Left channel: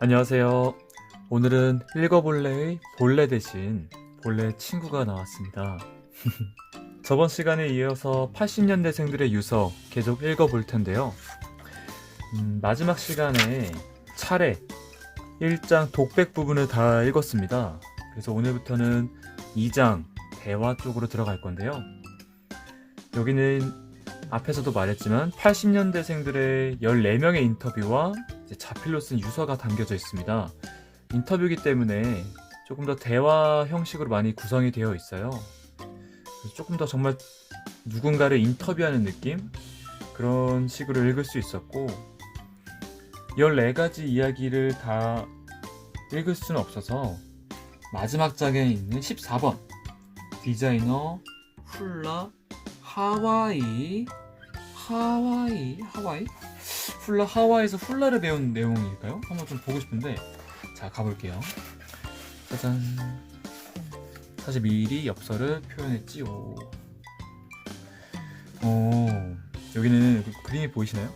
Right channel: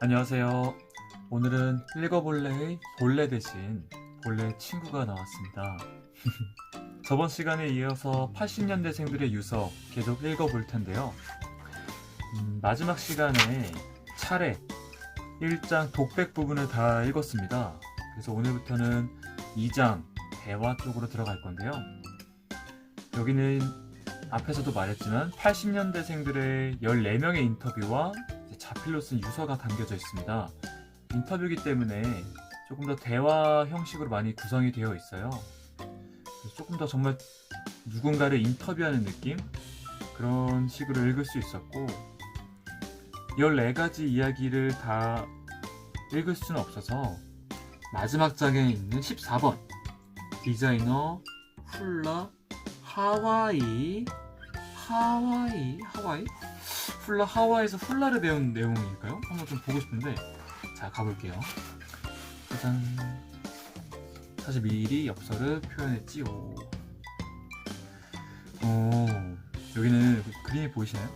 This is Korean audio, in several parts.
안녕하세요. 오늘은 읽어볼래의 본래 대신 본래 친구가 나왔습니다. 저번 시간에 이어서 80년대생들의 유서 계속 읽어볼 텐데요. 마지막 시간에 차례 1장 독백 부분을 다 읽었습니다. 그래서 오늘부터는 2장 대화 쪽으로 들어갈 건데요. 여기는 앞에서도 말했지만 80년대생들의 14명의 인터뷰와 자필로 쓴 유서가 담겨져 있습니다. 인터뷰이기 때문에 조금 더 대화 형식으로 많이 구성이 되어 있어요. 조금 더 정말 누군가를 인터뷰하는 느낌? 그런 식으로 읽을 수 있었고 14가지 이야기를 다 읽을 수는 없어서 마지막 장에 있는 14번 디자이너 훌라 하와이 훌라 하와이에서 훌라를 배운 내용일까요? 한번 좀 보고 싶은데 자 가볼게요. 짜잔. 사실 미리 엽서를 표현했지요. 여기는 그림이 보이시나요?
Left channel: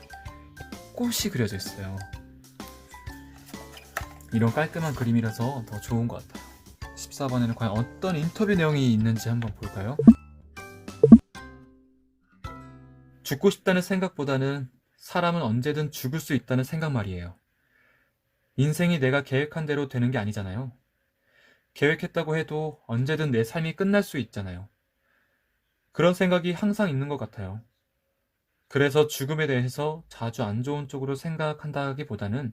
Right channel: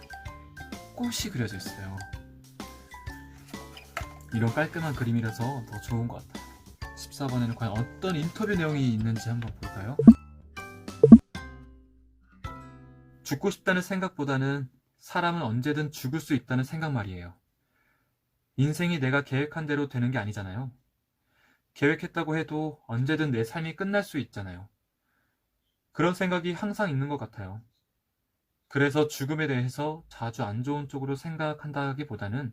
꽃이 그려져 있어요. 이런 깔끔한 그림이라서 더 좋은 것 같아요. 14번에는 과연 어떤 인터뷰 내용이 있는지 한번 볼까요? 죽고 싶다는 생각보다는 사람은 언제든 죽을 수 있다는 생각 말이에요. 인생이 내가 계획한 대로 되는 게 아니잖아요. 계획했다고 해도 언제든 내 삶이 끝날 수 있잖아요. 그런 생각이 항상 있는 것 같아요. 그래서 죽음에 대해서 자주 안 좋은 쪽으로 생각한다기보다는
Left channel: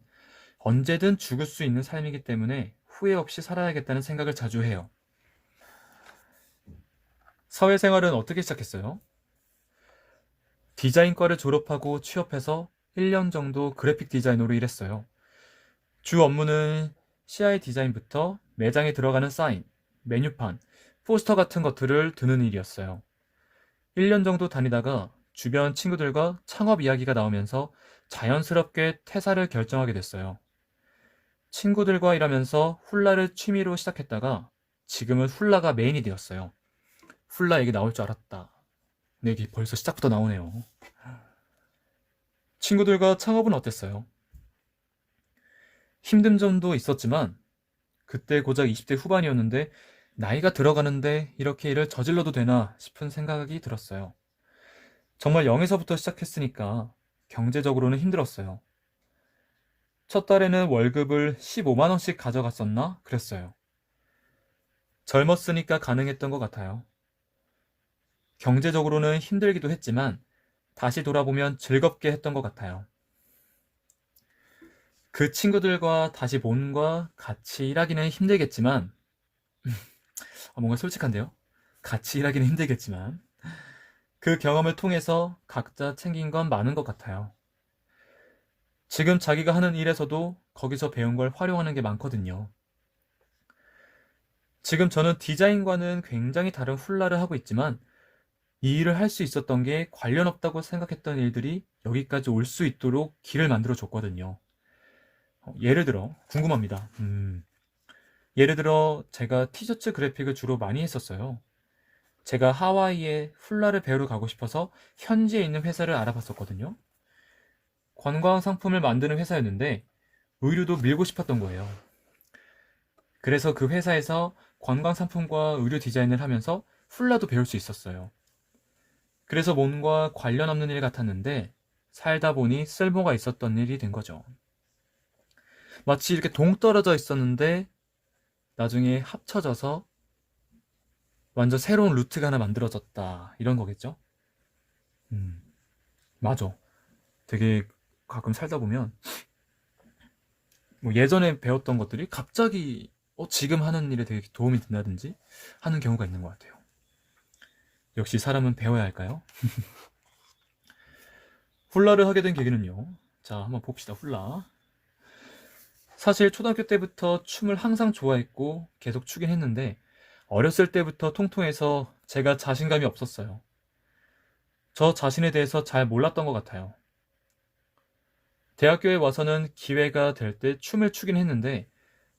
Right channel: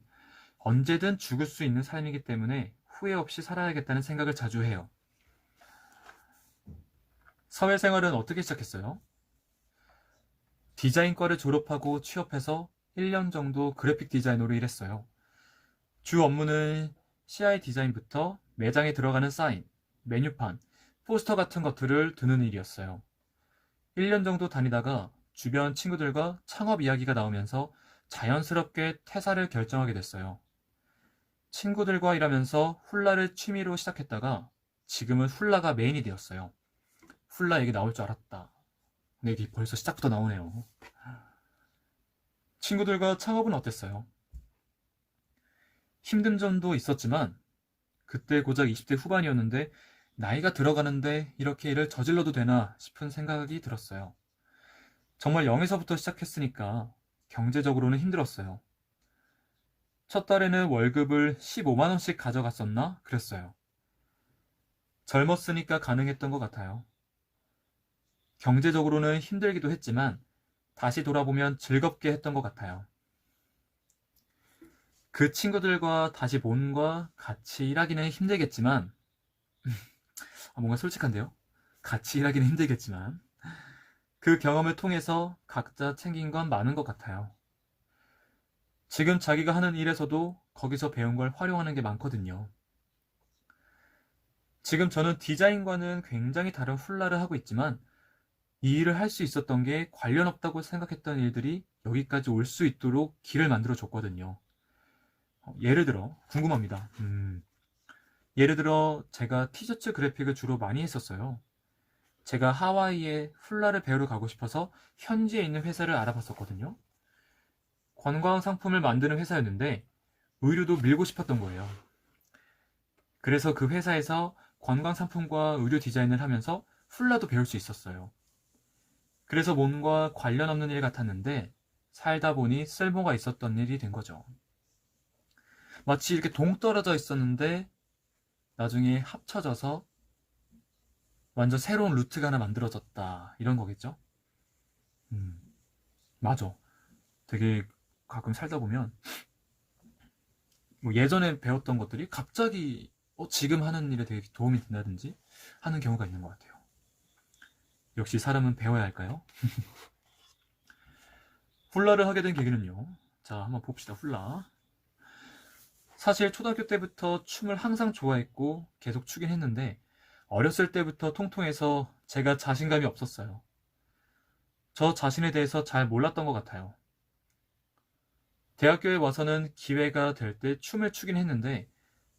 언제든 죽을 수 있는 삶이기 때문에 후회 없이 살아야겠다는 생각을 자주 해요. 사회생활은 어떻게 시작했어요? 디자인과를 졸업하고 취업해서 1년 정도 그래픽 디자이너로 일했어요. 주 업무는 CI 디자인부터 매장에 들어가는 사인, 메뉴판, 포스터 같은 것들을 드는 일이었어요. 1년 정도 다니다가 주변 친구들과 창업 이야기가 나오면서 자연스럽게 퇴사를 결정하게 됐어요. 친구들과 일하면서 훌라를 취미로 시작했다가 지금은 훌라가 메인이 되었어요. 훌라 얘기 나올 줄 알았다. 네, 여기 벌써 시작부터 나오네요. 친구들과 창업은 어땠어요? 힘든 점도 있었지만 그때 고작 20대 후반이었는데 나이가 들어가는데 이렇게 일을 저질러도 되나 싶은 생각이 들었어요. 정말 0에서부터 시작했으니까 경제적으로는 힘들었어요. 첫 달에는 월급을 15만 원씩 가져갔었나? 그랬어요. 젊었으니까 가능했던 것 같아요. 경제적으로는 힘들기도 했지만 다시 돌아보면 즐겁게 했던 것 같아요. 그 친구들과 다시 몸과 같이 일하기는 힘들겠지만 뭔가 솔직한데요? 같이 일하기는 힘들겠지만 그 경험을 통해서 각자 챙긴 건 많은 것 같아요. 지금 자기가 하는 일에서도 거기서 배운 걸 활용하는 게 많거든요. 지금 저는 디자인과는 굉장히 다른 훌라를 하고 있지만 이 일을 할 수 있었던 게 관련 없다고 생각했던 일들이 여기까지 올 수 있도록 길을 만들어 줬거든요. 예를 들어 궁금합니다. 예를 들어 제가 티셔츠 그래픽을 주로 많이 했었어요. 제가 하와이에 훌라를 배우러 가고 싶어서 현지에 있는 회사를 알아봤었거든요. 관광 상품을 만드는 회사였는데 의류도 밀고 싶었던 거예요. 그래서 그 회사에서 관광 상품과 의류 디자인을 하면서 훌라도 배울 수 있었어요. 그래서 뭔가 관련 없는 일 같았는데 살다 보니 쓸모가 있었던 일이 된 거죠. 마치 이렇게 동떨어져 있었는데 나중에 합쳐져서 완전 새로운 루트가 하나 만들어졌다. 이런 거겠죠? 음, 맞아. 되게 가끔 살다 보면 뭐 예전에 배웠던 것들이 갑자기 지금 하는 일에 되게 도움이 된다든지 하는 경우가 있는 것 같아요. 역시 사람은 배워야 할까요? 훌라를 하게 된 계기는요. 자, 한번 봅시다. 훌라. 사실 초등학교 때부터 춤을 항상 좋아했고 계속 추긴 했는데 어렸을 때부터 통통해서 제가 자신감이 없었어요. 저 자신에 대해서 잘 몰랐던 것 같아요. 대학교에 와서는 기회가 될 때 춤을 추긴 했는데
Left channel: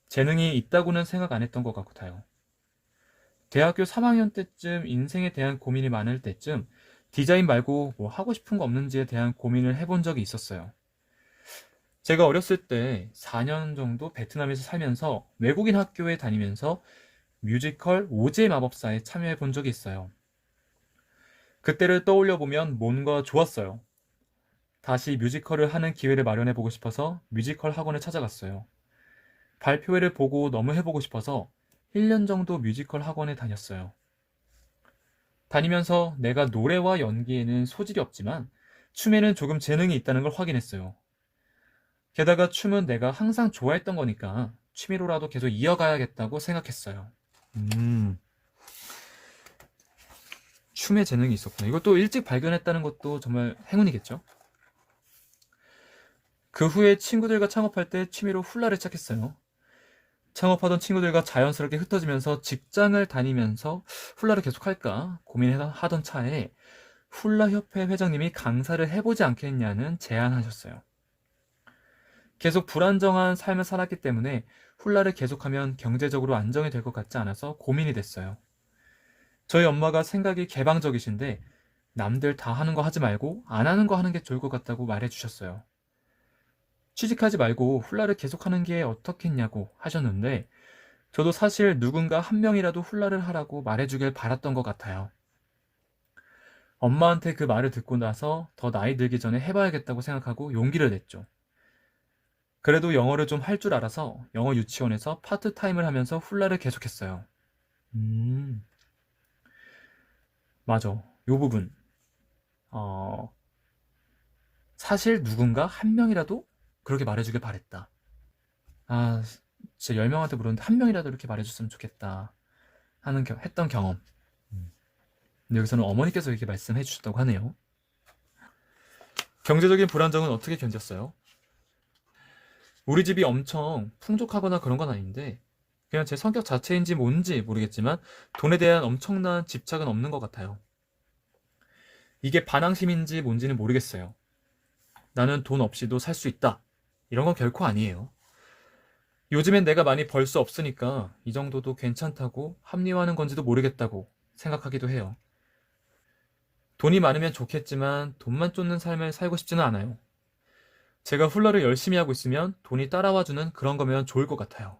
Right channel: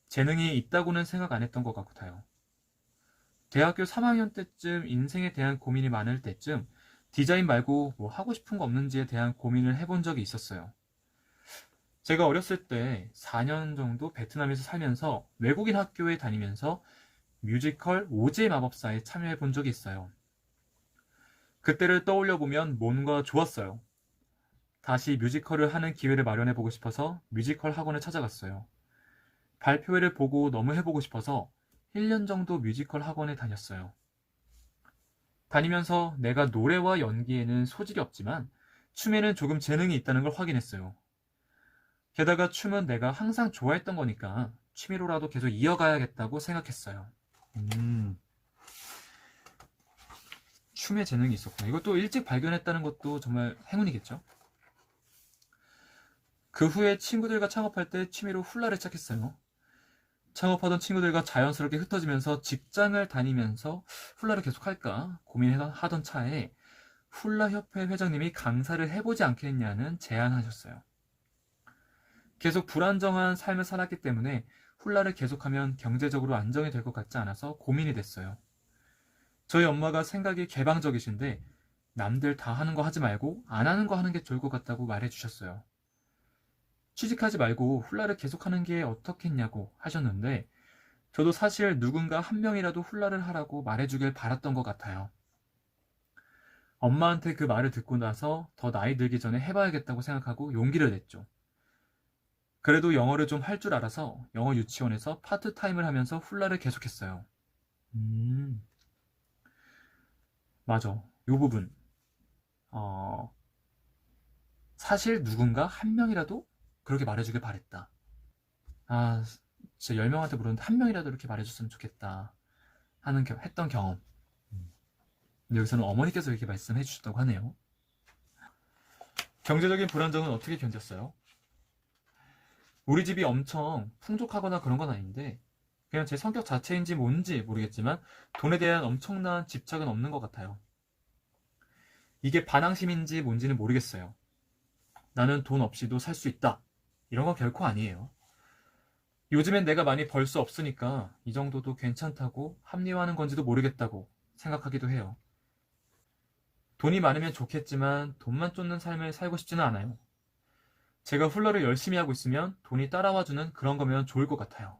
재능이 있다고는 생각 안 했던 것 같아요. 대학교 3학년 때쯤 인생에 대한 고민이 많을 때쯤 디자인 말고 뭐 하고 싶은 거 없는지에 대한 고민을 해본 적이 있었어요. 제가 어렸을 때 4년 정도 베트남에서 살면서 외국인 학교에 다니면서 뮤지컬 오즈의 마법사에 참여해 본 적이 있어요. 그때를 떠올려 보면 뭔가 좋았어요. 다시 뮤지컬을 하는 기회를 마련해 보고 싶어서 뮤지컬 학원을 찾아갔어요. 발표회를 보고 너무 해보고 싶어서 1년 정도 뮤지컬 학원에 다녔어요. 다니면서 내가 노래와 연기에는 소질이 없지만 춤에는 조금 재능이 있다는 걸 확인했어요. 게다가 춤은 내가 항상 좋아했던 거니까 취미로라도 계속 이어가야겠다고 생각했어요. 음, 춤에 재능이 있었구나. 이것도 일찍 발견했다는 것도 정말 행운이겠죠? 그 후에 친구들과 창업할 때 취미로 훌라를 시작했어요. 창업하던 친구들과 자연스럽게 흩어지면서 직장을 다니면서 훌라를 계속 할까 고민하던 차에 훌라협회 회장님이 강사를 해보지 않겠냐는 제안하셨어요. 계속 불안정한 삶을 살았기 때문에 훌라를 계속하면 경제적으로 안정이 될 것 같지 않아서 고민이 됐어요. 저희 엄마가 생각이 개방적이신데 남들 다 하는 거 하지 말고 안 하는 거 하는 게 좋을 것 같다고 말해주셨어요. 취직하지 말고 훌라를 계속하는 게 어떻겠냐고 하셨는데 저도 사실 누군가 한 명이라도 훌라를 하라고 말해주길 바랐던 것 같아요. 엄마한테 그 말을 듣고 나서 더 나이 들기 전에 해봐야겠다고 생각하고 용기를 냈죠. 그래도 영어를 좀 할 줄 알아서 영어 유치원에서 파트타임을 하면서 훌라를 계속했어요. 음, 맞아. 요 부분. 어, 사실 누군가 한 명이라도 그렇게 말해주길 바랬다. 아, 진짜 10명한테 물었는데 한 명이라도 이렇게 말해줬으면 좋겠다 했던 경험. 음. 근데 여기서는 어머니께서 이렇게 말씀해 주셨다고 하네요. 경제적인 불안정은 어떻게 견뎠어요? 우리 집이 엄청 풍족하거나 그런 건 아닌데 그냥 제 성격 자체인지 뭔지 모르겠지만 돈에 대한 엄청난 집착은 없는 것 같아요. 이게 반항심인지 뭔지는 모르겠어요. 나는 돈 없이도 살 수 있다. 이런 건 결코 아니에요. 요즘엔 내가 많이 벌 수 없으니까 이 정도도 괜찮다고 합리화하는 건지도 모르겠다고 생각하기도 해요. 돈이 많으면 좋겠지만 돈만 쫓는 삶을 살고 싶지는 않아요. 제가 훌러를 열심히 하고 있으면 돈이 따라와주는 그런 거면 좋을 것 같아요.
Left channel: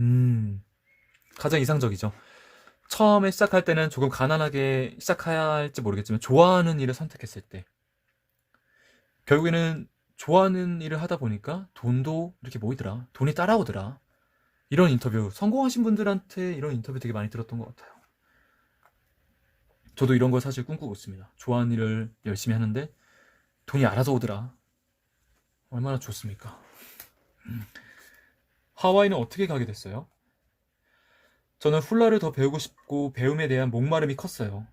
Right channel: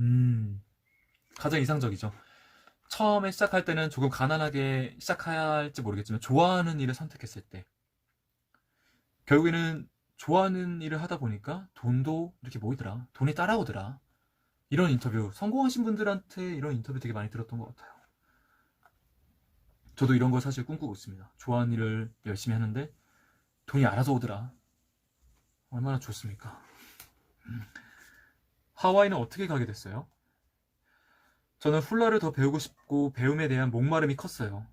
음, 가장 이상적이죠. 처음에 시작할 때는 조금 가난하게 시작해야 할지 모르겠지만 좋아하는 일을 선택했을 때 결국에는 좋아하는 일을 하다 보니까 돈도 이렇게 모이더라. 돈이 따라오더라. 이런 인터뷰, 성공하신 분들한테 이런 인터뷰 되게 많이 들었던 것 같아요. 저도 이런 걸 사실 꿈꾸고 있습니다. 좋아하는 일을 열심히 하는데 돈이 알아서 오더라. 얼마나 좋습니까? 하와이는 어떻게 가게 됐어요? 저는 훌라를 더 배우고 싶고 배움에 대한 목마름이 컸어요.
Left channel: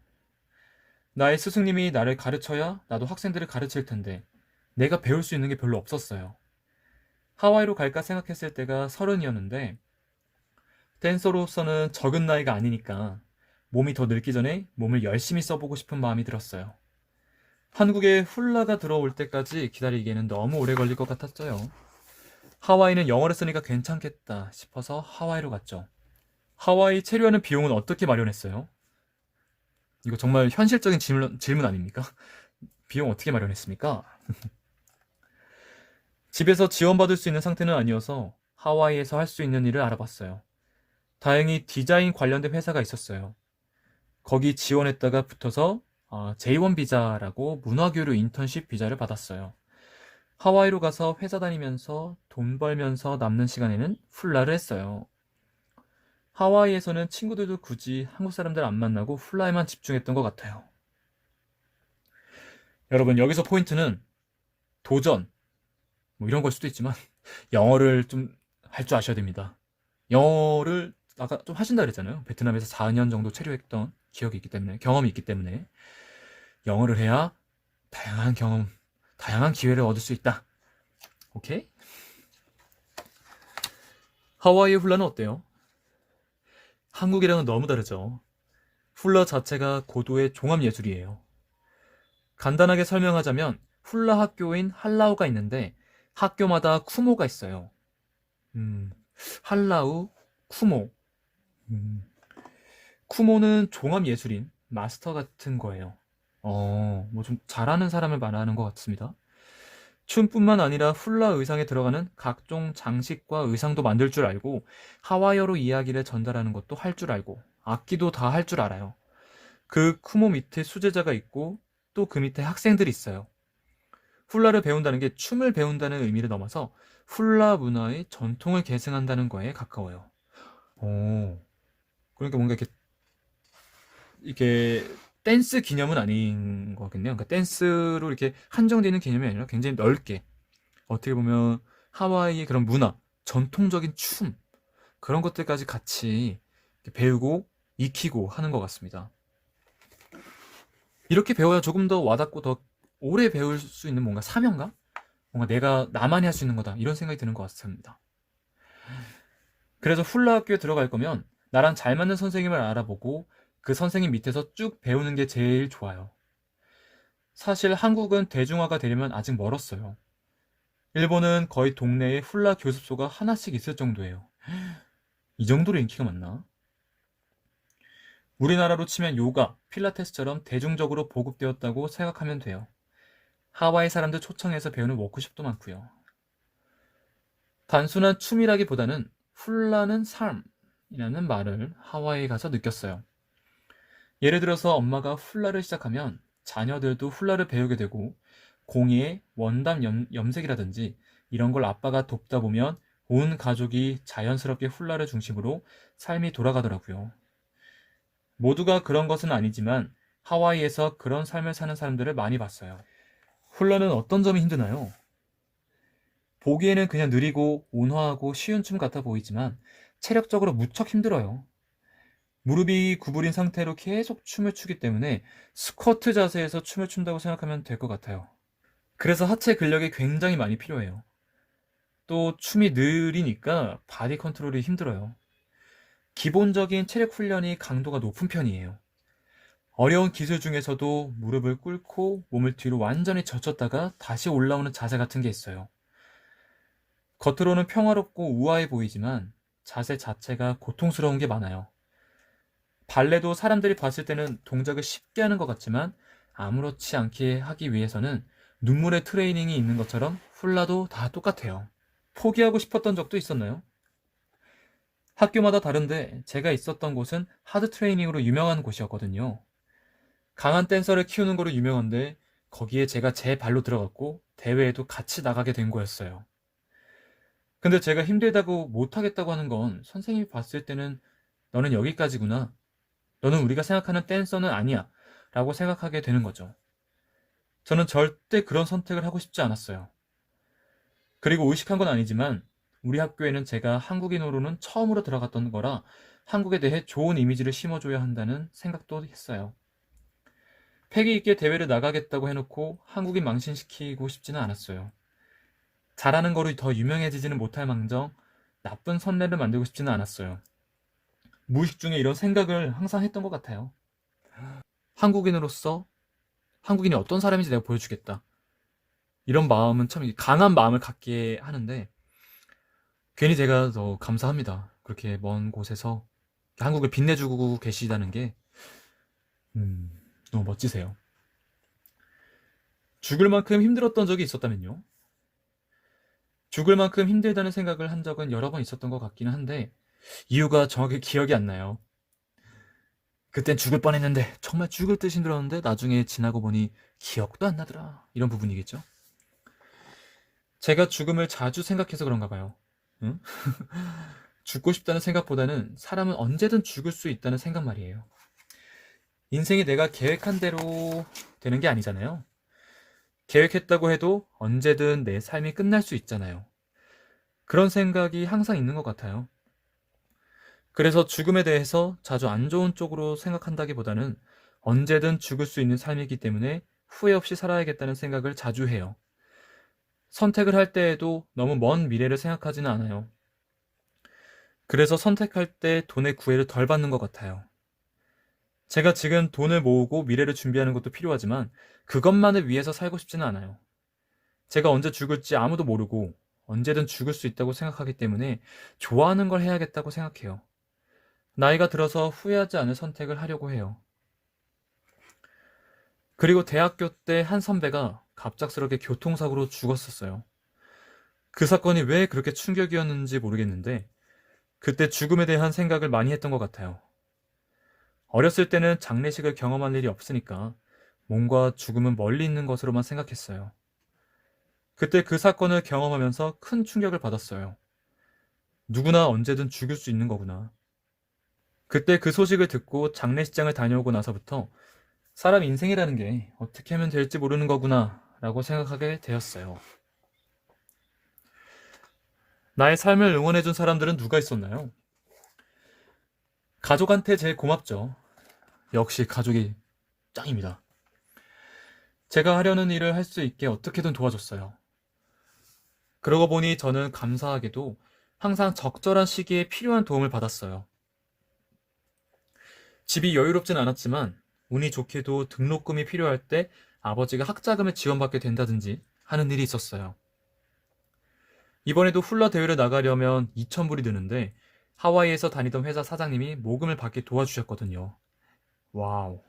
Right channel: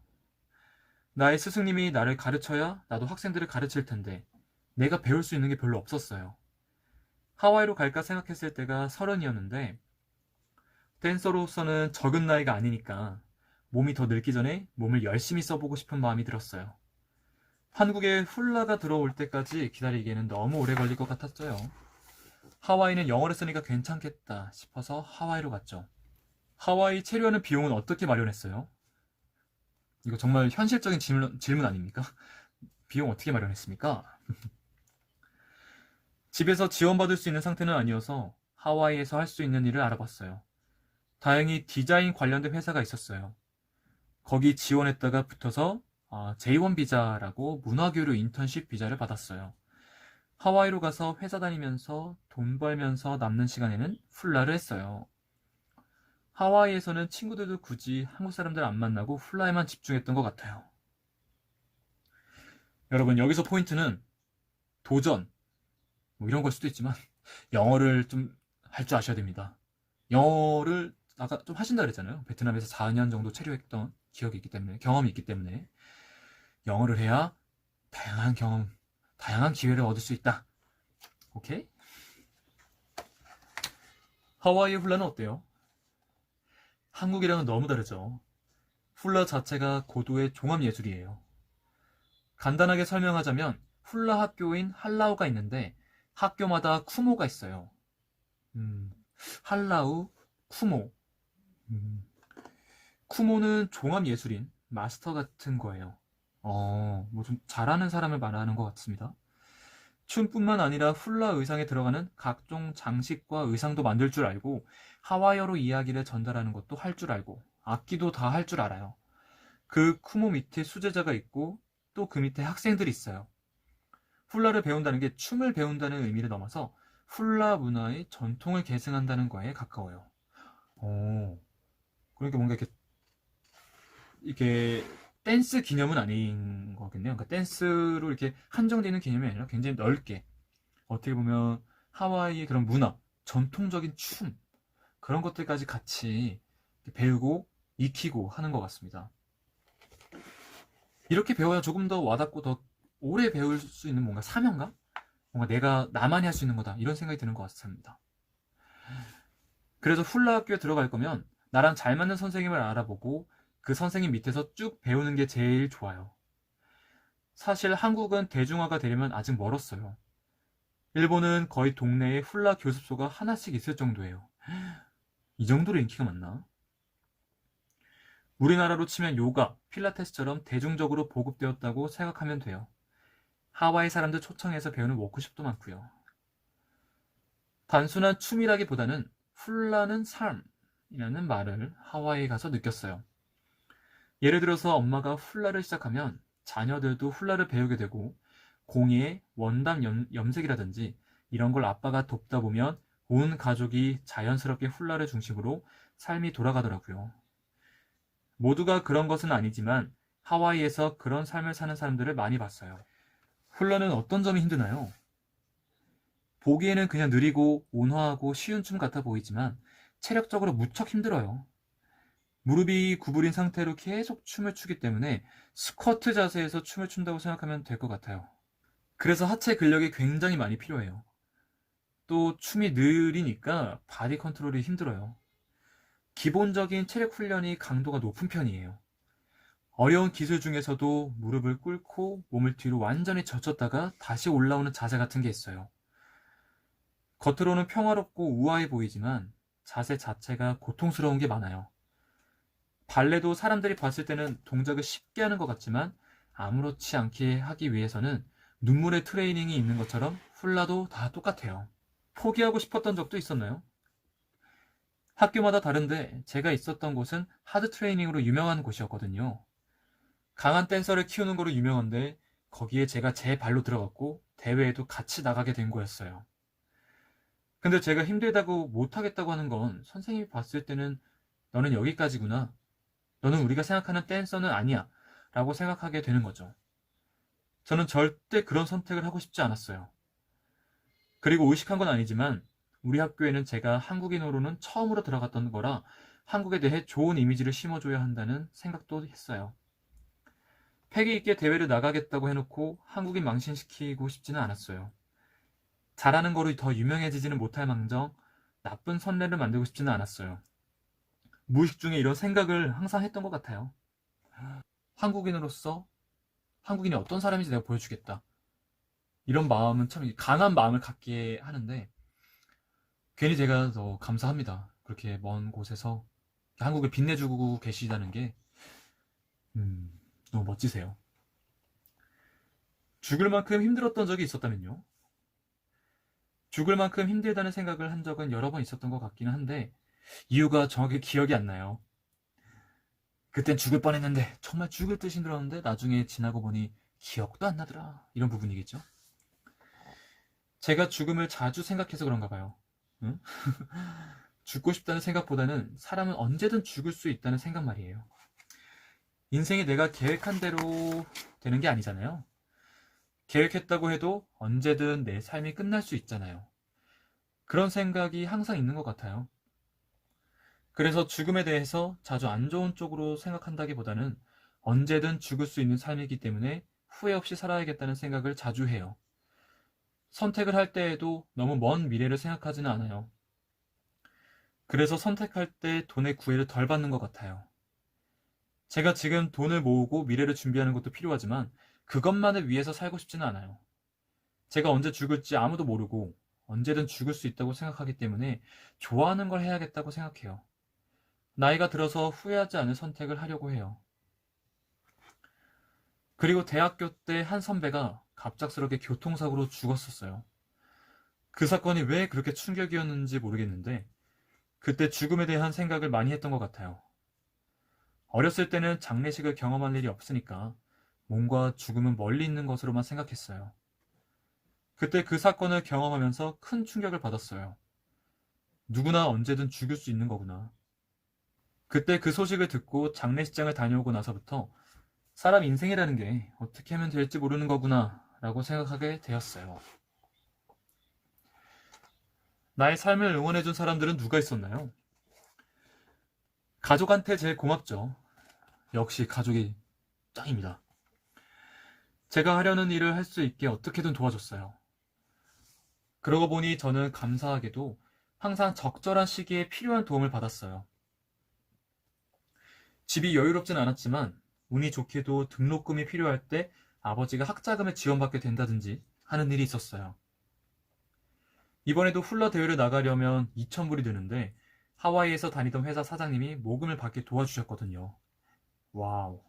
나의 스승님이 나를 가르쳐야 나도 학생들을 가르칠 텐데 내가 배울 수 있는 게 별로 없었어요. 하와이로 갈까 생각했을 때가 30이었는데 댄서로서는 적은 나이가 아니니까 몸이 더 늙기 전에 몸을 열심히 써보고 싶은 마음이 들었어요. 한국에 훌라가 들어올 때까지 기다리기에는 너무 오래 걸릴 것 같았어요. 하와이는 영어를 쓰니까 괜찮겠다 싶어서 하와이로 갔죠. 하와이 체류하는 비용은 어떻게 마련했어요? 이거 정말 현실적인 질문 아닙니까? 비용 어떻게 마련했습니까? 집에서 지원받을 수 있는 상태는 아니어서 하와이에서 할 수 있는 일을 알아봤어요. 다행히 디자인 관련된 회사가 있었어요. 거기 지원했다가 붙어서 J1 비자라고 문화교류 인턴십 비자를 받았어요. 하와이로 가서 회사 다니면서 돈 벌면서 남는 시간에는 훌라를 했어요. 하와이에서는 친구들도 굳이 한국 사람들 안 만나고 훌라에만 집중했던 것 같아요. 여러분, 여기서 포인트는 도전, 뭐 이런 걸 수도 있지만 영어를 좀 할 줄 아셔야 됩니다. 영어를 아까 좀 하신다 그랬잖아요. 베트남에서 4년 정도 체류했던 기억이 있기 때문에, 경험이 있기 때문에 영어를 해야 다양한 경험, 다양한 기회를 얻을 수 있다. 오케이? 하와이의 훌라는 어때요? 한국이랑은 너무 다르죠. 훌라 자체가 고도의 종합예술이에요. 간단하게 설명하자면 훌라 학교인 할라우가 있는데 학교마다 쿠모가 있어요. 음, 할라우, 쿠모. 음, 쿠모는 종합예술인 마스터 같은 거예요. 뭐 좀 잘하는 사람을 말하는 것 같습니다. 춤뿐만 아니라 훌라 의상에 들어가는 각종 장식과 의상도 만들 줄 알고 하와이어로 이야기를 전달하는 것도 할 줄 알고 악기도 다 할 줄 알아요. 그 쿠모 밑에 수제자가 있고 또 그 밑에 학생들이 있어요. 훌라를 배운다는 게 춤을 배운다는 의미를 넘어서 훌라 문화의 전통을 계승한다는 거에 가까워요. 오, 그러니까 뭔가 이렇게 댄스 기념은 아닌 거겠네요. 그러니까 댄스로 이렇게 한정되는 개념이 아니라 굉장히 넓게 어떻게 보면 하와이의 그런 문화, 전통적인 춤 그런 것들까지 같이 배우고 익히고 하는 것 같습니다. 이렇게 배워야 조금 더 와닿고 더 오래 배울 수 있는 뭔가 사명감? 뭔가 내가 나만이 할 수 있는 거다 이런 생각이 드는 것 같습니다. 그래서 훌라 학교에 들어갈 거면 나랑 잘 맞는 선생님을 알아보고 그 선생님 밑에서 쭉 배우는 게 제일 좋아요. 사실 한국은 대중화가 되려면 아직 멀었어요. 일본은 거의 동네에 훌라 교습소가 하나씩 있을 정도예요. 이 정도로 인기가 많나? 우리나라로 치면 요가, 필라테스처럼 대중적으로 보급되었다고 생각하면 돼요. 하와이 사람들 초청해서 배우는 워크숍도 많고요. 단순한 춤이라기보다는 훌라는 삶이라는 말을 하와이에 가서 느꼈어요. 예를 들어서 엄마가 훌라를 시작하면 자녀들도 훌라를 배우게 되고 공예, 원담 염색이라든지 이런 걸 아빠가 돕다 보면 온 가족이 자연스럽게 훌라를 중심으로 삶이 돌아가더라고요. 모두가 그런 것은 아니지만 하와이에서 그런 삶을 사는 사람들을 많이 봤어요. 훌라는 어떤 점이 힘드나요? 보기에는 그냥 느리고 온화하고 쉬운 춤 같아 보이지만 체력적으로 무척 힘들어요. 무릎이 구부린 상태로 계속 춤을 추기 때문에 스쿼트 자세에서 춤을 춘다고 생각하면 될 것 같아요. 그래서 하체 근력이 굉장히 많이 필요해요. 또 춤이 느리니까 바디 컨트롤이 힘들어요. 기본적인 체력 훈련이 강도가 높은 편이에요. 어려운 기술 중에서도 무릎을 꿇고 몸을 뒤로 완전히 젖혔다가 다시 올라오는 자세 같은 게 있어요. 겉으로는 평화롭고 우아해 보이지만 자세 자체가 고통스러운 게 많아요. 발레도 사람들이 봤을 때는 동작을 쉽게 하는 것 같지만 아무렇지 않게 하기 위해서는 눈물의 트레이닝이 있는 것처럼 훌라도 다 똑같아요. 포기하고 싶었던 적도 있었나요? 학교마다 다른데 제가 있었던 곳은 하드 트레이닝으로 유명한 곳이었거든요. 강한 댄서를 키우는 거로 유명한데 거기에 제가 제 발로 들어갔고 대회에도 같이 나가게 된 거였어요. 근데 제가 힘들다고 못하겠다고 하는 건 선생님이 봤을 때는 너는 여기까지구나. 너는 우리가 생각하는 댄서는 아니야. 라고 생각하게 되는 거죠. 저는 절대 그런 선택을 하고 싶지 않았어요. 그리고 의식한 건 아니지만 우리 학교에는 제가 한국인으로는 처음으로 들어갔던 거라 한국에 대해 좋은 이미지를 심어줘야 한다는 생각도 했어요. 패기 있게 대회를 나가겠다고 해놓고 한국인 망신시키고 싶지는 않았어요. 잘하는 거로 더 유명해지지는 못할 망정 나쁜 선례를 만들고 싶지는 않았어요. 무의식 중에 이런 생각을 항상 했던 것 같아요. 한국인으로서 한국인이 어떤 사람인지 내가 보여주겠다. 이런 마음은 참 강한 마음을 갖게 하는데 괜히 제가 더 감사합니다. 그렇게 먼 곳에서 한국을 빛내주고 계시다는 게 너무 멋지세요. 죽을 만큼 힘들었던 적이 있었다면요? 죽을 만큼 힘들다는 생각을 한 적은 여러 번 있었던 것 같기는 한데 이유가 정확히 기억이 안 나요. 그땐 죽을 뻔했는데 정말 죽을 듯이 힘들었는데 나중에 지나고 보니 기억도 안 나더라. 이런 부분이겠죠? 제가 죽음을 자주 생각해서 그런가 봐요. 응? 죽고 싶다는 생각보다는 사람은 언제든 죽을 수 있다는 생각 말이에요. 인생이 내가 계획한 대로 되는 게 아니잖아요. 계획했다고 해도 언제든 내 삶이 끝날 수 있잖아요. 그런 생각이 항상 있는 것 같아요. 그래서 죽음에 대해서 자주 안 좋은 쪽으로 생각한다기보다는 언제든 죽을 수 있는 삶이기 때문에 후회 없이 살아야겠다는 생각을 자주 해요. 선택을 할 때에도 너무 먼 미래를 생각하지는 않아요. 그래서 선택할 때 돈의 구애를 덜 받는 것 같아요. 제가 지금 돈을 모으고 미래를 준비하는 것도 필요하지만 그것만을 위해서 살고 싶지는 않아요. 제가 언제 죽을지 아무도 모르고 언제든 죽을 수 있다고 생각하기 때문에 좋아하는 걸 해야겠다고 생각해요. 나이가 들어서 후회하지 않을 선택을 하려고 해요. 그리고 대학교 때 한 선배가 갑작스럽게 교통사고로 죽었었어요. 그 사건이 왜 그렇게 충격이었는지 모르겠는데 그때 죽음에 대한 생각을 많이 했던 것 같아요. 어렸을 때는 장례식을 경험할 일이 없으니까 몸과 죽음은 멀리 있는 것으로만 생각했어요. 그때 그 사건을 경험하면서 큰 충격을 받았어요. 누구나 언제든 죽을 수 있는 거구나. 그때 그 소식을 듣고 장례식장을 다녀오고 나서부터 사람 인생이라는 게 어떻게 하면 될지 모르는 거구나 라고 생각하게 되었어요. 나의 삶을 응원해준 사람들은 누가 있었나요? 가족한테 제일 고맙죠. 역시 가족이 짱입니다. 제가 하려는 일을 할 수 있게 어떻게든 도와줬어요. 그러고 보니 저는 감사하게도 항상 적절한 시기에 필요한 도움을 받았어요. 집이 여유롭진 않았지만 운이 좋게도 등록금이 필요할 때 아버지가 학자금을 지원받게 된다든지 하는 일이 있었어요. 이번에도 훌러 대회를 나가려면 2,000불이 드는데 하와이에서 다니던 회사 사장님이 모금을 받게 도와주셨거든요. 와우.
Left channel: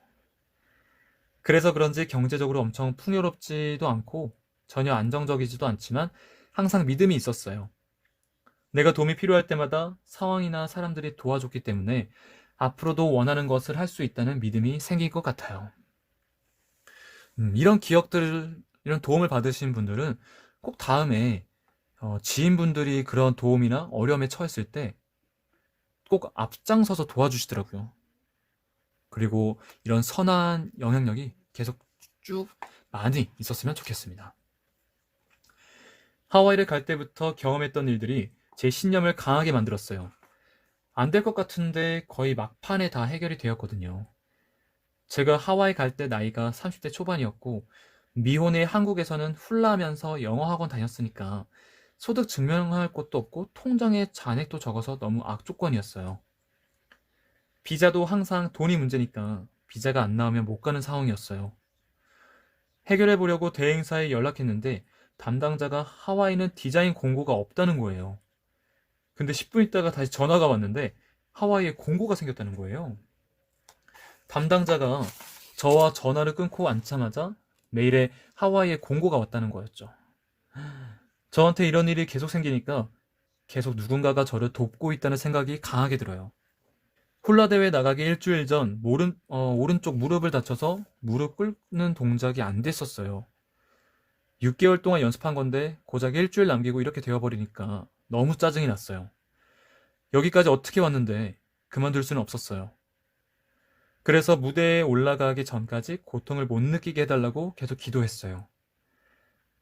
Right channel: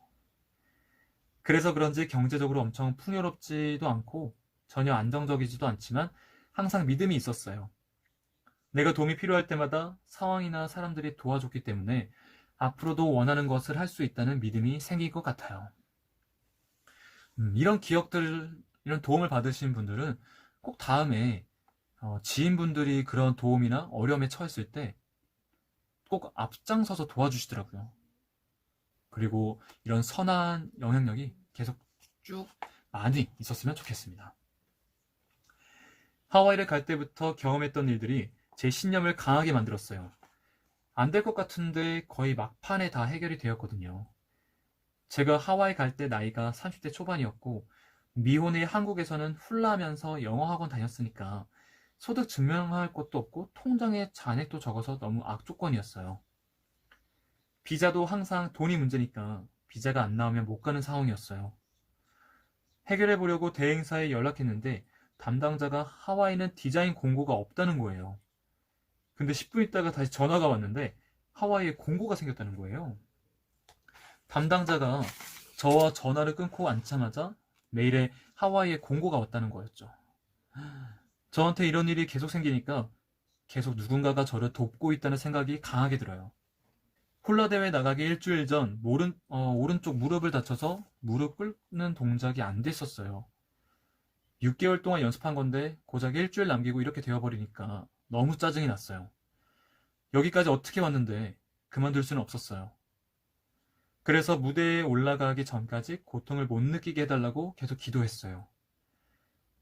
그래서 그런지 경제적으로 엄청 풍요롭지도 않고 전혀 안정적이지도 않지만 항상 믿음이 있었어요. 내가 도움이 필요할 때마다 상황이나 사람들이 도와줬기 때문에 앞으로도 원하는 것을 할 수 있다는 믿음이 생길 것 같아요. 이런 기억들, 이런 도움을 받으신 분들은 꼭 다음에 지인분들이 그런 도움이나 어려움에 처했을 때 꼭 앞장서서 도와주시더라고요. 그리고 이런 선한 영향력이 계속 쭉 많이 있었으면 좋겠습니다. 하와이를 갈 때부터 경험했던 일들이 제 신념을 강하게 만들었어요. 안 될 것 같은데 거의 막판에 다 해결이 되었거든요. 제가 하와이 갈 때 나이가 30대 초반이었고 미혼의 한국에서는 훌라하면서 영어 학원 다녔으니까 소득 증명할 것도 없고 통장에 잔액도 적어서 너무 악조건이었어요. 비자도 항상 돈이 문제니까 비자가 안 나오면 못 가는 상황이었어요. 해결해 보려고 대행사에 연락했는데 담당자가 하와이는 디자인 공고가 없다는 거예요. 근데 10분 있다가 다시 전화가 왔는데 하와이에 공고가 생겼다는 거예요. 담당자가 저와 전화를 끊고 앉자마자 메일에 하와이에 공고가 왔다는 거였죠. 저한테 이런 일이 계속 생기니까 계속 누군가가 저를 돕고 있다는 생각이 강하게 들어요. 홀라 대회 나가기 일주일 전 오른쪽 무릎을 다쳐서 무릎 꿇는 동작이 안 됐었어요. 6개월 동안 연습한 건데 고작 일주일 남기고 이렇게 되어버리니까 너무 짜증이 났어요. 여기까지 어떻게 왔는데 그만둘 수는 없었어요. 그래서 무대에 올라가기 전까지 고통을 못 느끼게 해달라고 계속 기도했어요.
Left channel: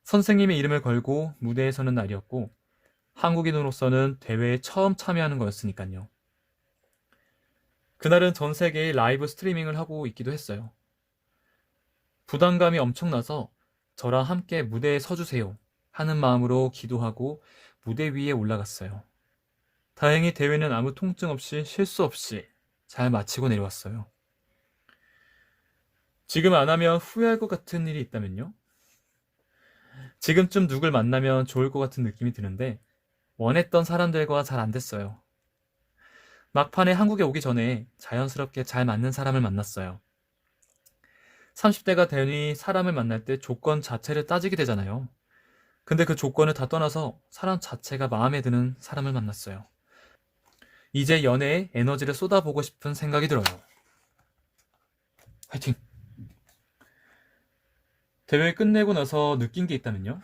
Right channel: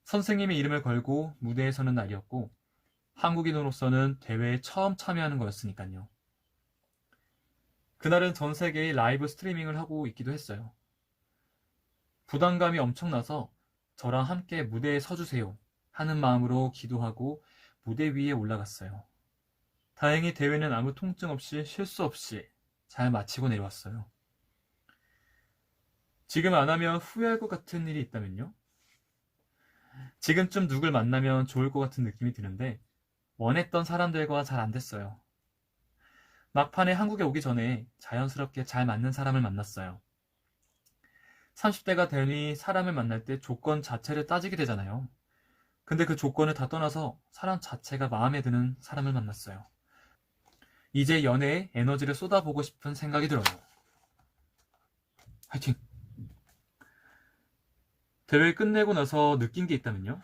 선생님의 이름을 걸고 무대에 서는 날이었고 한국인으로서는 대회에 처음 참여하는 거였으니까요. 그날은 전 세계에 라이브 스트리밍을 하고 있기도 했어요. 부담감이 엄청나서 저랑 함께 무대에 서주세요 하는 마음으로 기도하고 무대 위에 올라갔어요. 다행히 대회는 아무 통증 없이 실수 없이 잘 마치고 내려왔어요. 지금 안 하면 후회할 것 같은 일이 있다면요? 지금쯤 누굴 만나면 좋을 것 같은 느낌이 드는데 원했던 사람들과 잘 안 됐어요. 막판에 한국에 오기 전에 자연스럽게 잘 맞는 사람을 만났어요. 30대가 되니 사람을 만날 때 조건 자체를 따지게 되잖아요. 근데 그 조건을 다 떠나서 사람 자체가 마음에 드는 사람을 만났어요. 이제 연애에 에너지를 쏟아보고 싶은 생각이 들어요. 화이팅! 대회 끝내고 나서 느낀 게 있다면요?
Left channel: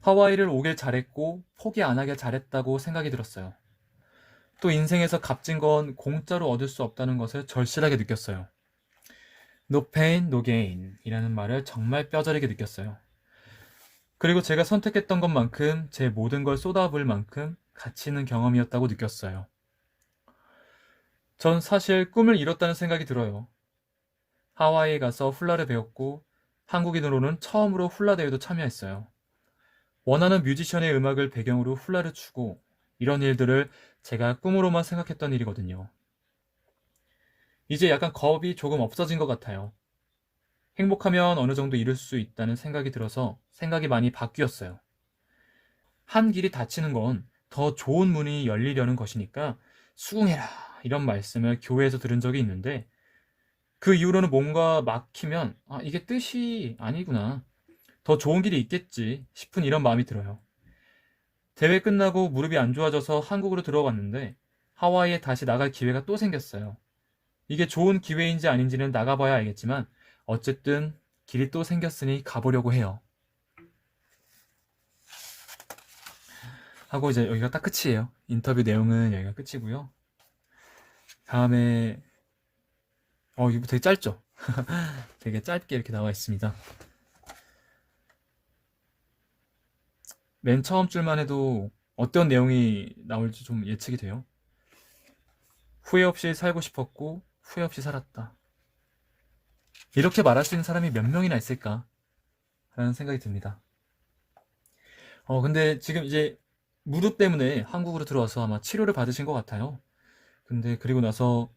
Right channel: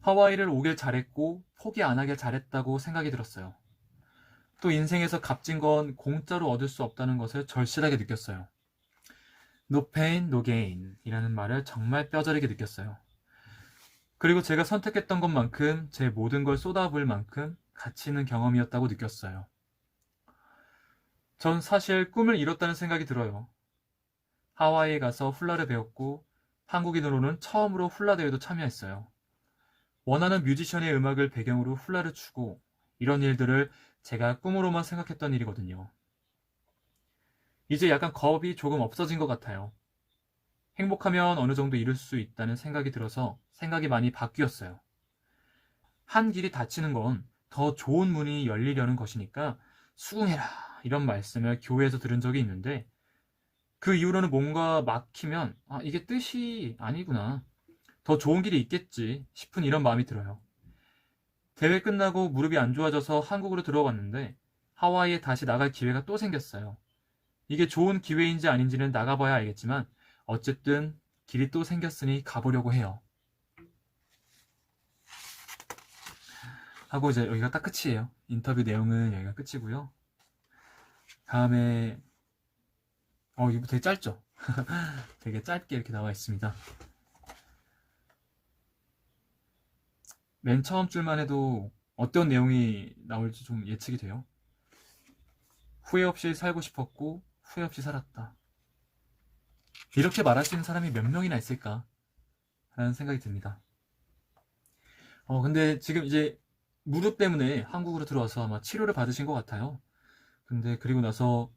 하와이를 오길 잘했고 포기 안 하길 잘했다고 생각이 들었어요. 또 인생에서 값진 건 공짜로 얻을 수 없다는 것을 절실하게 느꼈어요. No pain, no gain 이라는 말을 정말 뼈저리게 느꼈어요. 그리고 제가 선택했던 것만큼 제 모든 걸 쏟아부을 만큼 가치 있는 경험이었다고 느꼈어요. 전 사실 꿈을 이뤘다는 생각이 들어요. 하와이에 가서 훌라를 배웠고 한국인으로는 처음으로 훌라 대회도 참여했어요. 원하는 뮤지션의 음악을 배경으로 훌라를 추고 이런 일들을 제가 꿈으로만 생각했던 일이거든요. 이제 약간 겁이 조금 없어진 것 같아요. 행복하면 어느 정도 이룰 수 있다는 생각이 들어서 생각이 많이 바뀌었어요. 한 길이 닫히는 건 더 좋은 문이 열리려는 것이니까 수긍해라 이런 말씀을 교회에서 들은 적이 있는데 그 이후로는 뭔가 막히면 아, 이게 뜻이 아니구나. 더 좋은 길이 있겠지 싶은 이런 마음이 들어요. 대회 끝나고 무릎이 안 좋아져서 한국으로 들어왔는데 하와이에 다시 나갈 기회가 또 생겼어요. 이게 좋은 기회인지 아닌지는 나가봐야 알겠지만 어쨌든 길이 또 생겼으니 가보려고 해요. 하고 이제 여기가 딱 끝이에요. 인터뷰 내용은 여기가 끝이고요. 다음에 이거 되게 짧죠? 되게 짧게 이렇게 나와 있습니다. 맨 처음 줄만 해도 어떤 내용이 나올지 좀 예측이 돼요. 후회 없이 살고 싶었고 후회 없이 살았다. 이렇게 말할 수 있는 사람이 몇 명이나 있을까? 라는 생각이 듭니다. 근데 지금 이제 무릎 때문에 한국으로 들어와서 아마 치료를 받으신 것 같아요. 근데 그리고 나서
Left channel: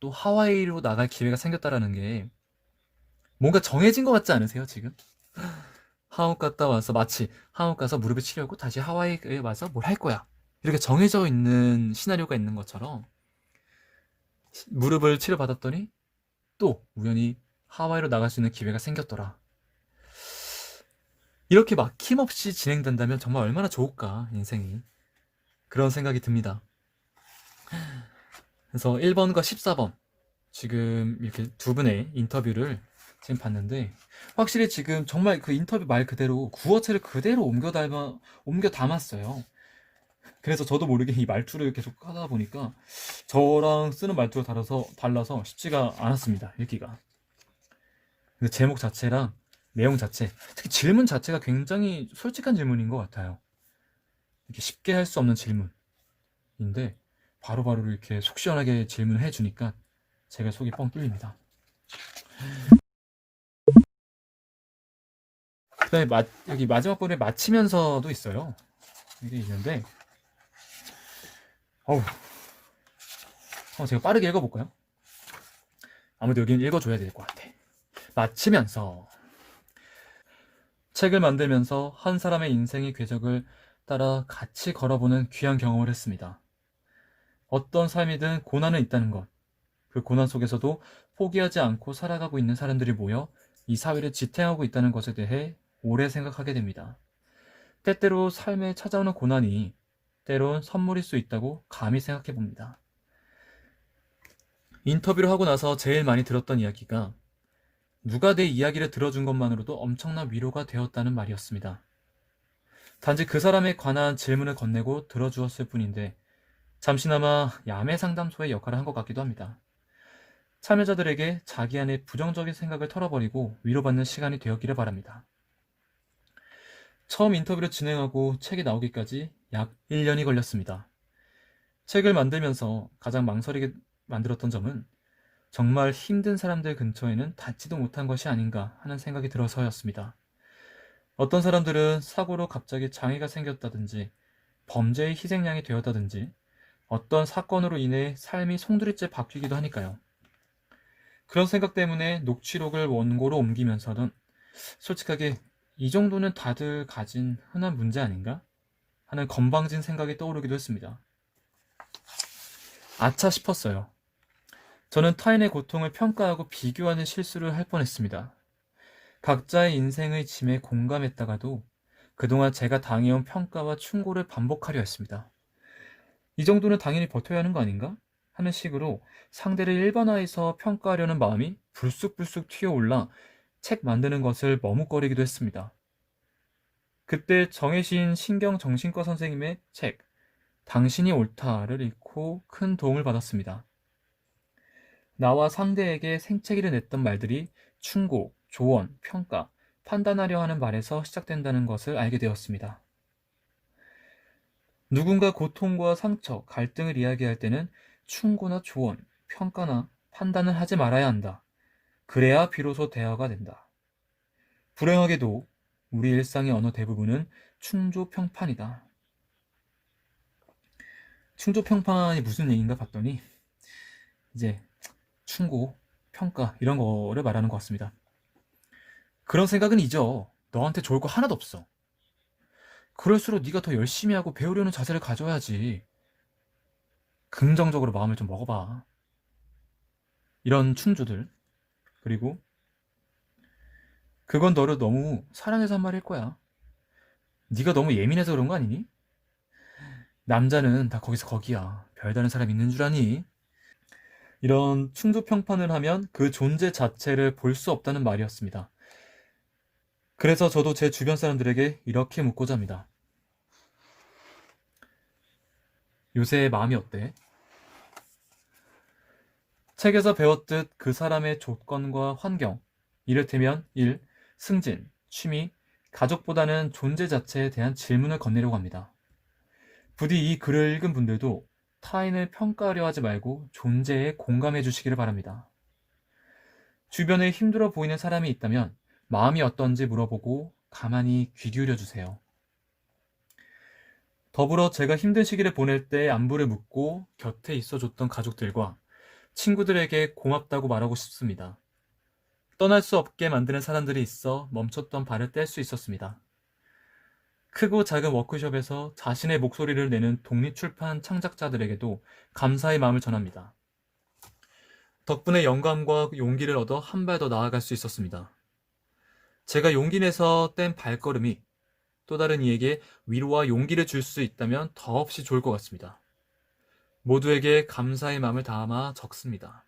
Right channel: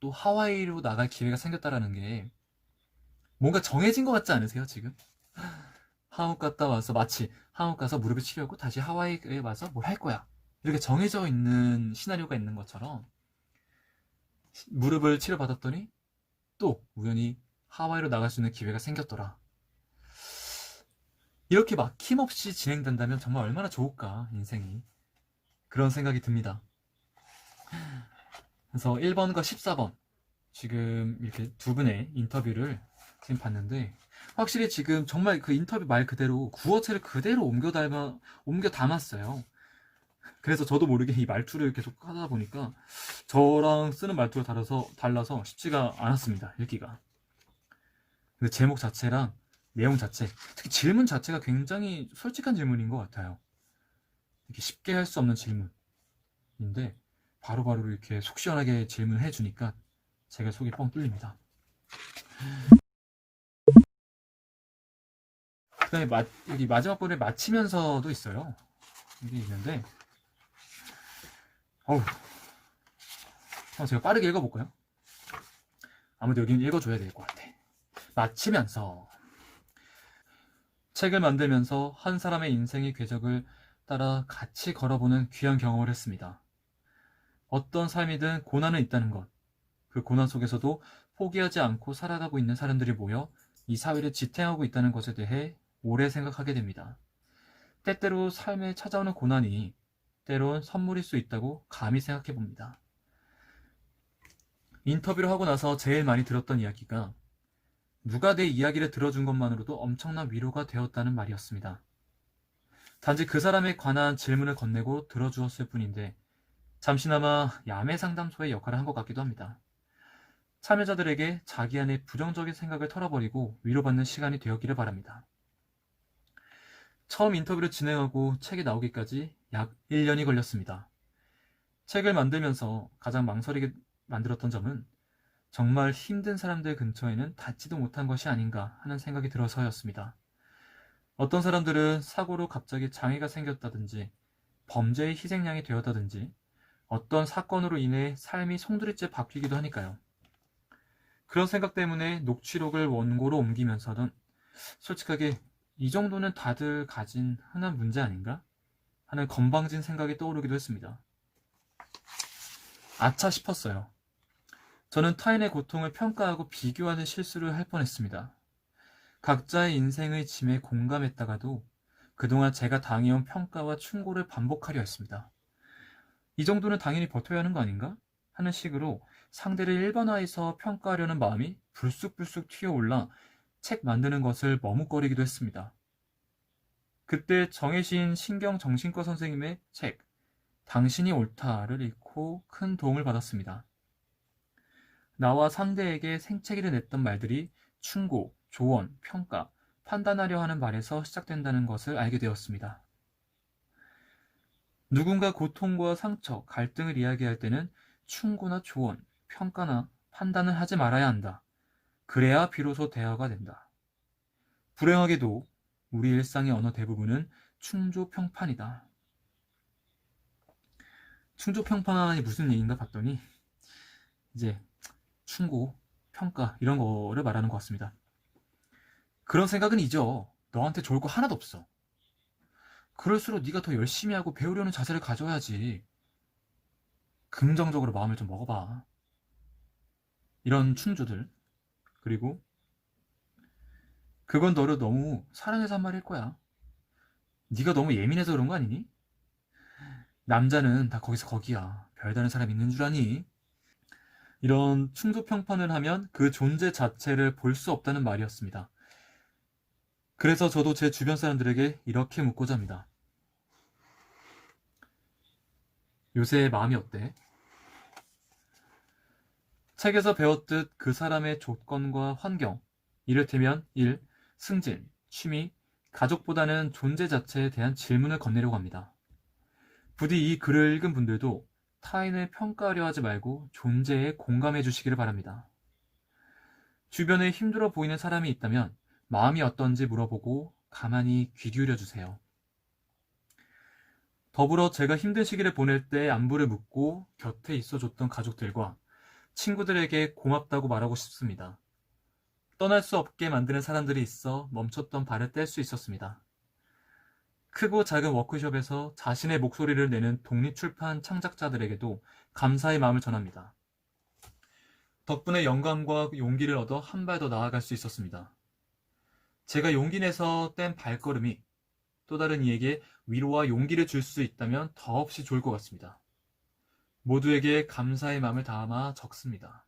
또 하와이로 나갈 기회가 생겼다라는 게 뭔가 정해진 것 같지 않으세요, 지금? 한국 갔다 와서 마치 한국 가서 무릎을 치료하고 다시 하와이에 와서 뭘 할 거야. 이렇게 정해져 있는 시나리오가 있는 것처럼 무릎을 치료받았더니 또 우연히 하와이로 나갈 수 있는 기회가 생겼더라. 이렇게 막힘없이 진행된다면 정말 얼마나 좋을까, 인생이. 그런 생각이 듭니다. 그래서 1번과 14번 지금 이렇게 두 분의 인터뷰를 지금 봤는데 확실히 지금 정말 그 인터뷰 말 그대로 구어체를 그대로 옮겨 담았어요. 그래서 저도 모르게 이 말투를 계속 하다 보니까 저랑 쓰는 말투가 달라서 쉽지가 않았습니다, 읽기가. 근데 제목 자체랑 내용 자체, 특히 질문 자체가 굉장히 솔직한 질문인 것 같아요. 이렇게 쉽게 할 수 없는 질문인데 바로바로 이렇게 속 시원하게 질문을 해주니까 제가 속이 뻥 뚫립니다. 그다음에 여기 마지막 번에 마치면서도 있어요. 이게 있는데 제가 빠르게 읽어볼까요? 아무래도 여기는 읽어줘야 될 것 같아. 마치면서 책을 만들면서 한 사람의 인생의 궤적을 따라 같이 걸어보는 귀한 경험을 했습니다. 어떤 삶이든 고난은 있다는 것, 그 고난 속에서도 포기하지 않고 살아가고 있는 사람들이 모여 이 사회를 지탱하고 있다는 것에 대해 오래 생각하게 됩니다. 때때로 삶에 찾아오는 고난이 때론 선물일 수 있다고 감히 생각해 봅니다. 인터뷰를 하고 나서 제일 많이 들었던 이야기가 누가 내 이야기를 들어준 것만으로도 엄청난 위로가 되었다는 말이었습니다. 단지 그 사람에 관한 질문을 건네고 들어주었을 뿐인데 잠시나마 야매 상담소의 역할을 한 것 같기도 합니다. 참여자들에게 자기 안의 부정적인 생각을 털어버리고 위로받는 시간이 되었기를 바랍니다. 처음 인터뷰를 진행하고 책이 나오기까지 약 1년이 걸렸습니다. 책을 만들면서 가장 망설이게 만들었던 점은 정말 힘든 사람들 근처에는 닿지도 못한 것이 아닌가 하는 생각이 들어서였습니다. 어떤 사람들은 사고로 갑자기 장애가 생겼다든지 범죄의 희생양이 되었다든지 어떤 사건으로 인해 삶이 송두리째 바뀌기도 하니까요. 그런 생각 때문에 녹취록을 원고로 옮기면서는 솔직하게 이 정도는 다들 가진 흔한 문제 아닌가? 하는 건방진 생각이 떠오르기도 했습니다. 아차 싶었어요. 저는 타인의 고통을 평가하고 비교하는 실수를 할 뻔했습니다. 각자의 인생의 짐에 공감했다가도 그동안 제가 당해온 평가와 충고를 반복하려 했습니다. 이 정도는 당연히 버텨야 하는 거 아닌가? 하는 식으로 상대를 일반화해서 평가하려는 마음이 불쑥불쑥 튀어올라 책 만드는 것을 머뭇거리기도 했습니다. 그때 정혜신 신경정신과 선생님의 책 당신이 옳다를 읽고 큰 도움을 받았습니다. 나와 상대에게 생채기를 냈던 말들이 충고, 조언, 평가, 판단하려 하는 말에서 시작된다는 것을 알게 되었습니다. 누군가 고통과 상처, 갈등을 이야기할 때는 충고나 조언, 평가나 판단을 하지 말아야 한다. 그래야 비로소 대화가 된다. 불행하게도 우리 일상의 어느 대부분은 충조평판이다. 충조평판이 무슨 얘기인가 봤더니 이제 충고, 평가 이런 거를 말하는 것 같습니다. 그런 생각은 잊어. 너한테 좋을 거 하나도 없어. 그럴수록 네가 더 열심히 하고 배우려는 자세를 가져야지. 긍정적으로 마음을 좀 먹어봐. 이런 충조들 그리고 그건 너를 너무 사랑해서 한 말일 거야. 네가 너무 예민해서 그런 거 아니니? 남자는 다 거기서 거기야. 별다른 사람 있는 줄 아니? 이런 충도 평판을 하면 그 존재 자체를 볼 수 없다는 말이었습니다. 그래서 저도 제 주변 사람들에게 이렇게 묻고자 합니다. 요새 마음이 어때? 책에서 배웠듯 그 사람의 조건과 환경, 이를테면 일, 승진, 취미, 가족보다는 존재 자체에 대한 질문을 건네려고 합니다. 부디 이 글을 읽은 분들도 타인을 평가하려 하지 말고 존재에 공감해 주시기를 바랍니다. 주변에 힘들어 보이는 사람이 있다면 마음이 어떤지 물어보고 가만히 귀 기울여 주세요. 더불어 제가 힘든 시기를 보낼 때 안부를 묻고 곁에 있어줬던 가족들과 친구들에게 고맙다고 말하고 싶습니다. 떠날 수 없게 만드는 사람들이 있어 멈췄던 발을 뗄 수 있었습니다. 크고 작은 워크숍에서 자신의 목소리를 내는 독립출판 창작자들에게도 감사의 마음을 전합니다. 덕분에 영감과 용기를 얻어 한 발 더 나아갈 수 있었습니다. 제가 용기 내서 뗀 발걸음이 또 다른 이에게 위로와 용기를 줄 수 있다면 더없이 좋을 것 같습니다. 모두에게 감사의 마음을 담아 적습니다.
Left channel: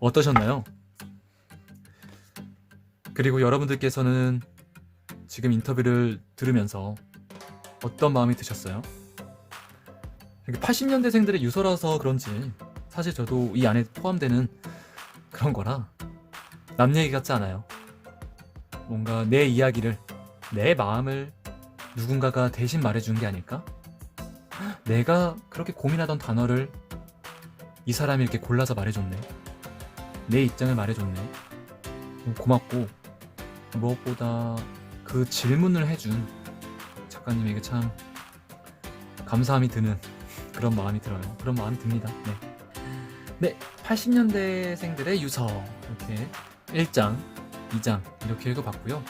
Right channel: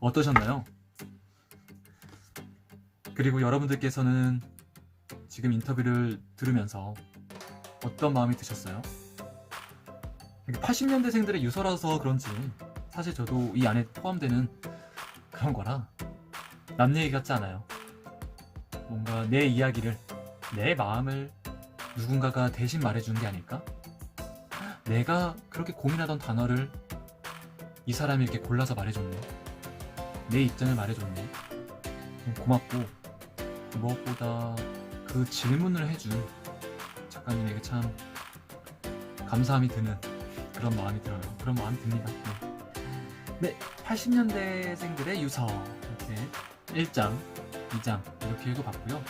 어떠셨나요? 그리고 여러분들께서는 지금 인터뷰를 들으면서 어떤 마음이 드셨어요? 80년대생들의 유서라서 그런지 사실 저도 이 안에 포함되는 그런 거라 남 얘기 같지 않아요. 뭔가 내 이야기를, 내 마음을 누군가가 대신 말해주는 게 아닐까? 내가 그렇게 고민하던 단어를 이 사람이 이렇게 골라서 말해줬네. 내 입장을 말해줬네. 고맙고 무엇보다 그 질문을 해준 작가님에게 참 감사함이 드는 그런 마음이 들어요. 그런 마음이 듭니다. 네, 80년대생들의 유서 이렇게 1장, 2장 이렇게 읽어봤고요.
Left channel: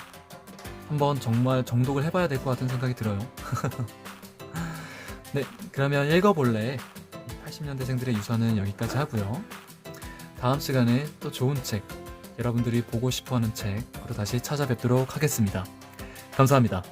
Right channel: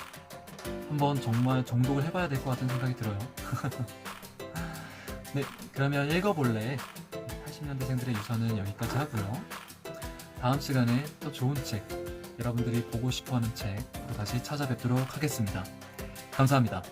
한번 정말 정독을 해봐야 될 것 같은 생각이 들어요. 네, 그러면 읽어볼래 80년대생들의 유서는 여기까지 하고요. 다음 시간에 또 좋은 책, 여러분들이 보고 싶어하는 책으로 다시 찾아뵙도록 하겠습니다. 감사합니다.